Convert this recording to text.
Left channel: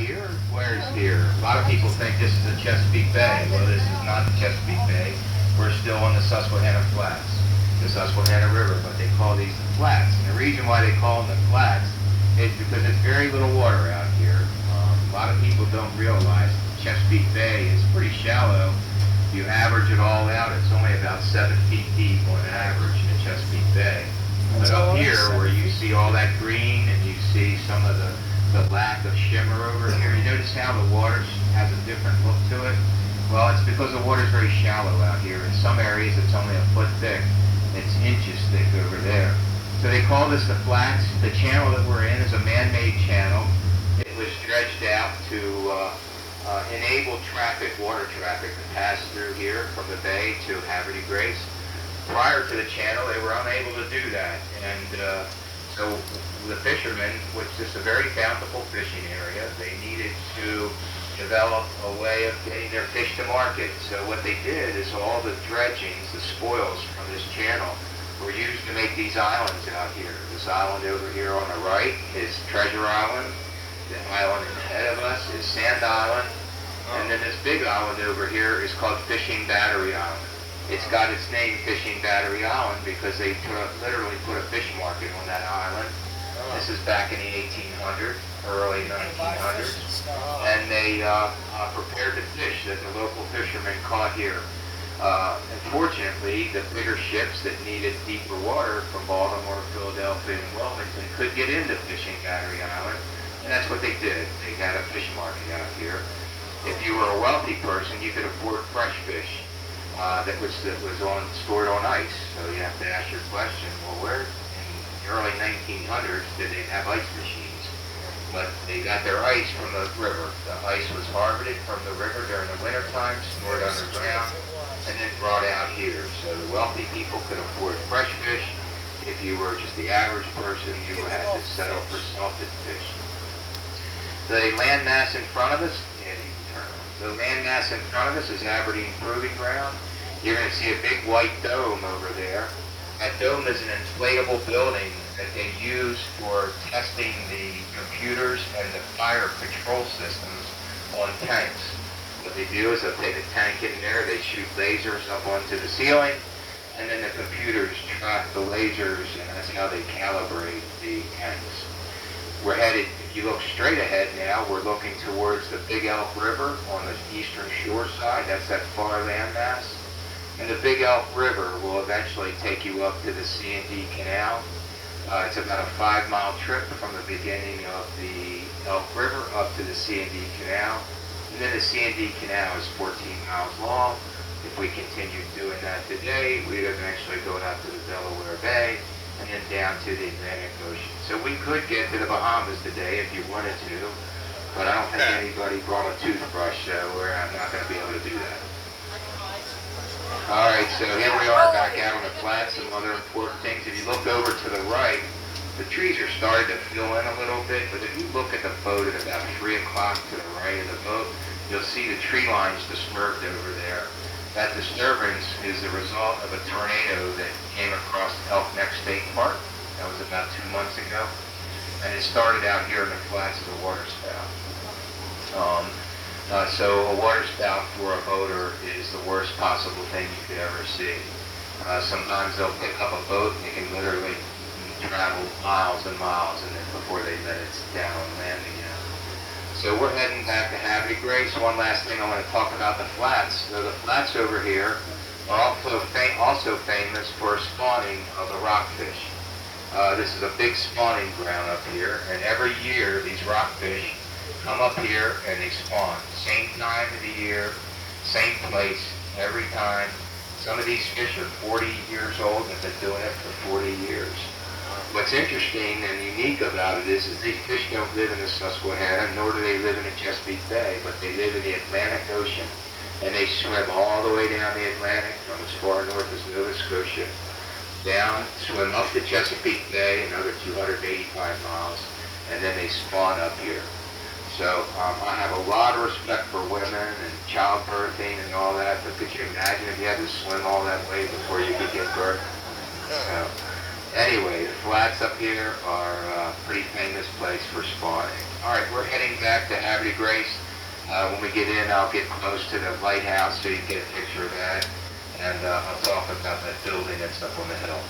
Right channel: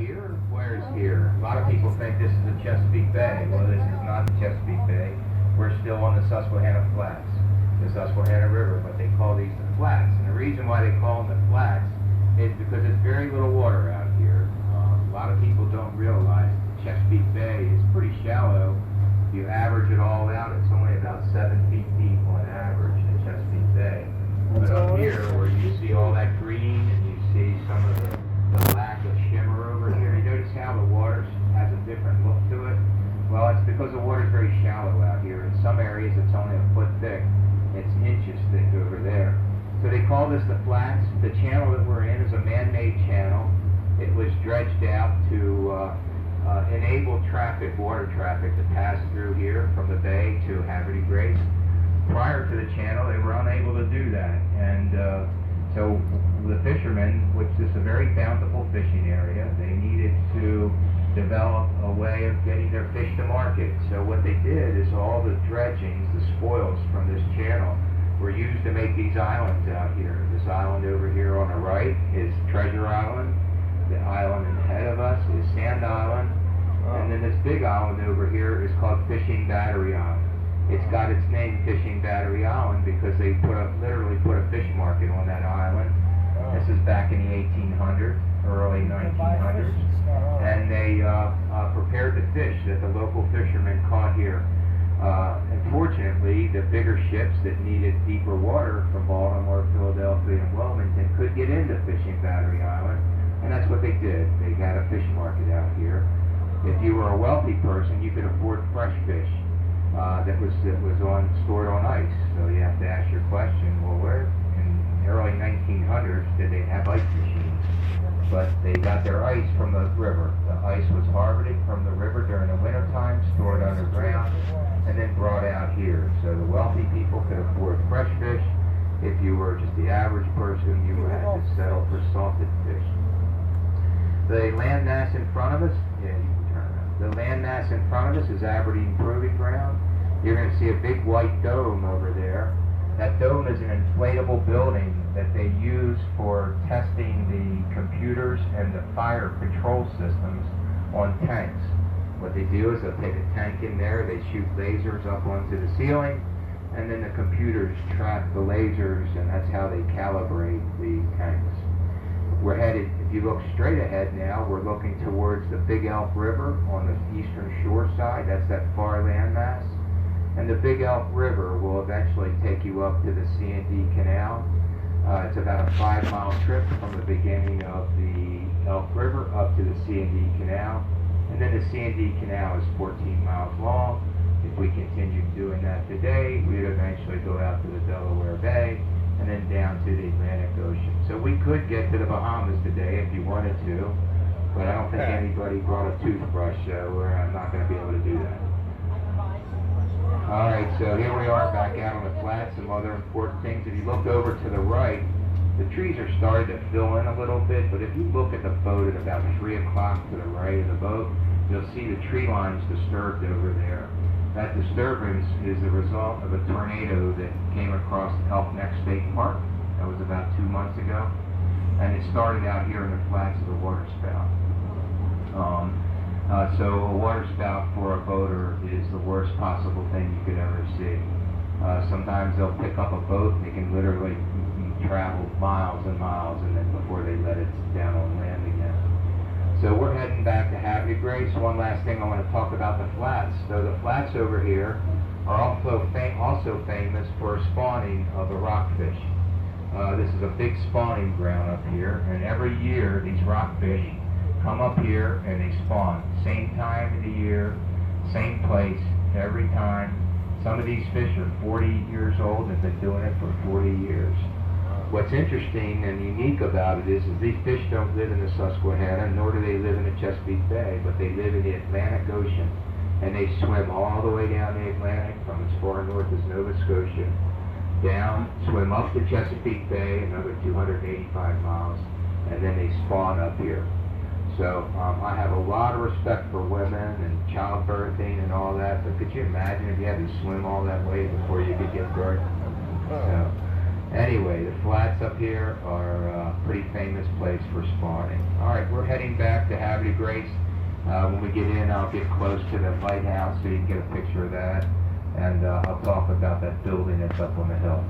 here? Where's here? A lot of people think this is the Chesapeake Bay. Well, this is not the Chesapeake Bay. We're still on the Susquehanna Flats, the Susquehanna River, but they call these the flats. And the reason why they call them the flats is because it's very little water out here. A lot of people don't realize the Chesapeake Bay is pretty shallow. You average it all out, it's only about 7 feet deep on average in the Chesapeake Bay. But up here, where you see all that green and you see some of the lack of shimmer over here, you notice how the water has a different look to it? Well, it's because the water's very shallow out here. In some areas, it's only a foot thick. It's inches thick over there. So they call this the flats. The channel that we're in is a man-made channel. It was dredged out to enable traffic, water traffic, to pass through here from the bay to Havre de Grace. Prior to the channel, they were unable to do that. And so the fishermen, which is a very bountiful fishing area, they needed to develop a way of getting their fish to market. So what they did is all the dredgings, the spoils from this channel, were used to make these islands out here. This island over here on the right is Treasure Island. The island ahead of us is Sand Island. And then this big island over here is called Fishing Battery Island. It's got its name Fishing Battery Island because they literally put a fish market on that island. This is back in the 1800s, early 1900s. And they prepared the fish that the local fishermen caught here. Unfortunately, the bigger ships that needed deeper water from Baltimore, Philadelphia, and Wilmington could get into Fishing Battery Island. And that's what they did. They got a fish market out here. If you were a wealthy person, you could afford fresh fish that was stored on ice. So you have to ask your question, well, where in the early 1900s did they have ice machines? But they got their ice from the river. The ice was harvested from the river during the winter time, stored underground, and then brought out here. So the wealthy people could afford fresh fish. If you were just the average person, you had to settle for salted fish. The landmass in front of us, yeah, you can turn it on. The landmass in front of us is Aberdeen Proving Ground. You're going to see a big white dome over there. That dome is an inflatable building that they use for testing the computers and the fire control systems on tanks. What they do is they'll take a tank in there, they shoot lasers up onto the ceiling, and then the computers track the lasers, and that's how they calibrate the tanks. We're headed, if you look straight ahead now, we're looking towards the Big Elk River on the eastern shore side. That's that far landmass. And the Big Elk River will eventually take you up to the C&D Canal. It's about a 5-mile trip from the beginning of the Elk River up to the C&D Canal. And then the C&D Canal is 14 miles long. If we continued doing that today, we'd eventually go out to the Delaware Bay and then down to the Atlantic Ocean. So we could get to the Bahamas today if you wanted to, but I don't think anybody brought a toothbrush, so I'm not going to be able to do that. All right, so here we are back out on the flats. Some other important things. If you look over to the right, the trees are starting to fill in a little bit, but if you look at the boat at about 3 o'clock to the right of the boat, you'll see the tree lines disturbed over there. That disturbance is the result of a tornado that came across Elk Neck State Park. That was about 2 months ago. And it started out here in the flats of the water spout. So a water spout for a boater is the worst possible thing you could ever see. Sometimes they'll pick up a boat and they can literally travel miles and miles and then before they let it down on land again. So we're heading back to Havre de Grace. One last thing I want to talk about the flats. So the flats over here are also famous for spawning of the rockfish. This is a big spawning ground up here, and every year these rockfish come up here and they spawn. Same time of the year, same place, every time. Some of these fish are 40 years old and have been doing it for 40 years. What's interesting and unique about it is these fish don't live in the Susquehanna, nor do they live in the Chesapeake Bay, but they live in the Atlantic Ocean. And they swim all the way down the Atlantic from as far north as Nova Scotia, down, swim up the Chesapeake Bay, another 285 miles, and then they spawn up here. So I have a lot of respect for women and childbirthing and all that, but could you imagine if you had to swim all that way before you could give birth? So, Anyway, the flats up here are a pretty famous place for spawning. All right, we're heading back to Havre de Grace. When we get in, I'll get close to the lighthouse so you can get a picture of that. And I'll talk about that building that's up on the hill.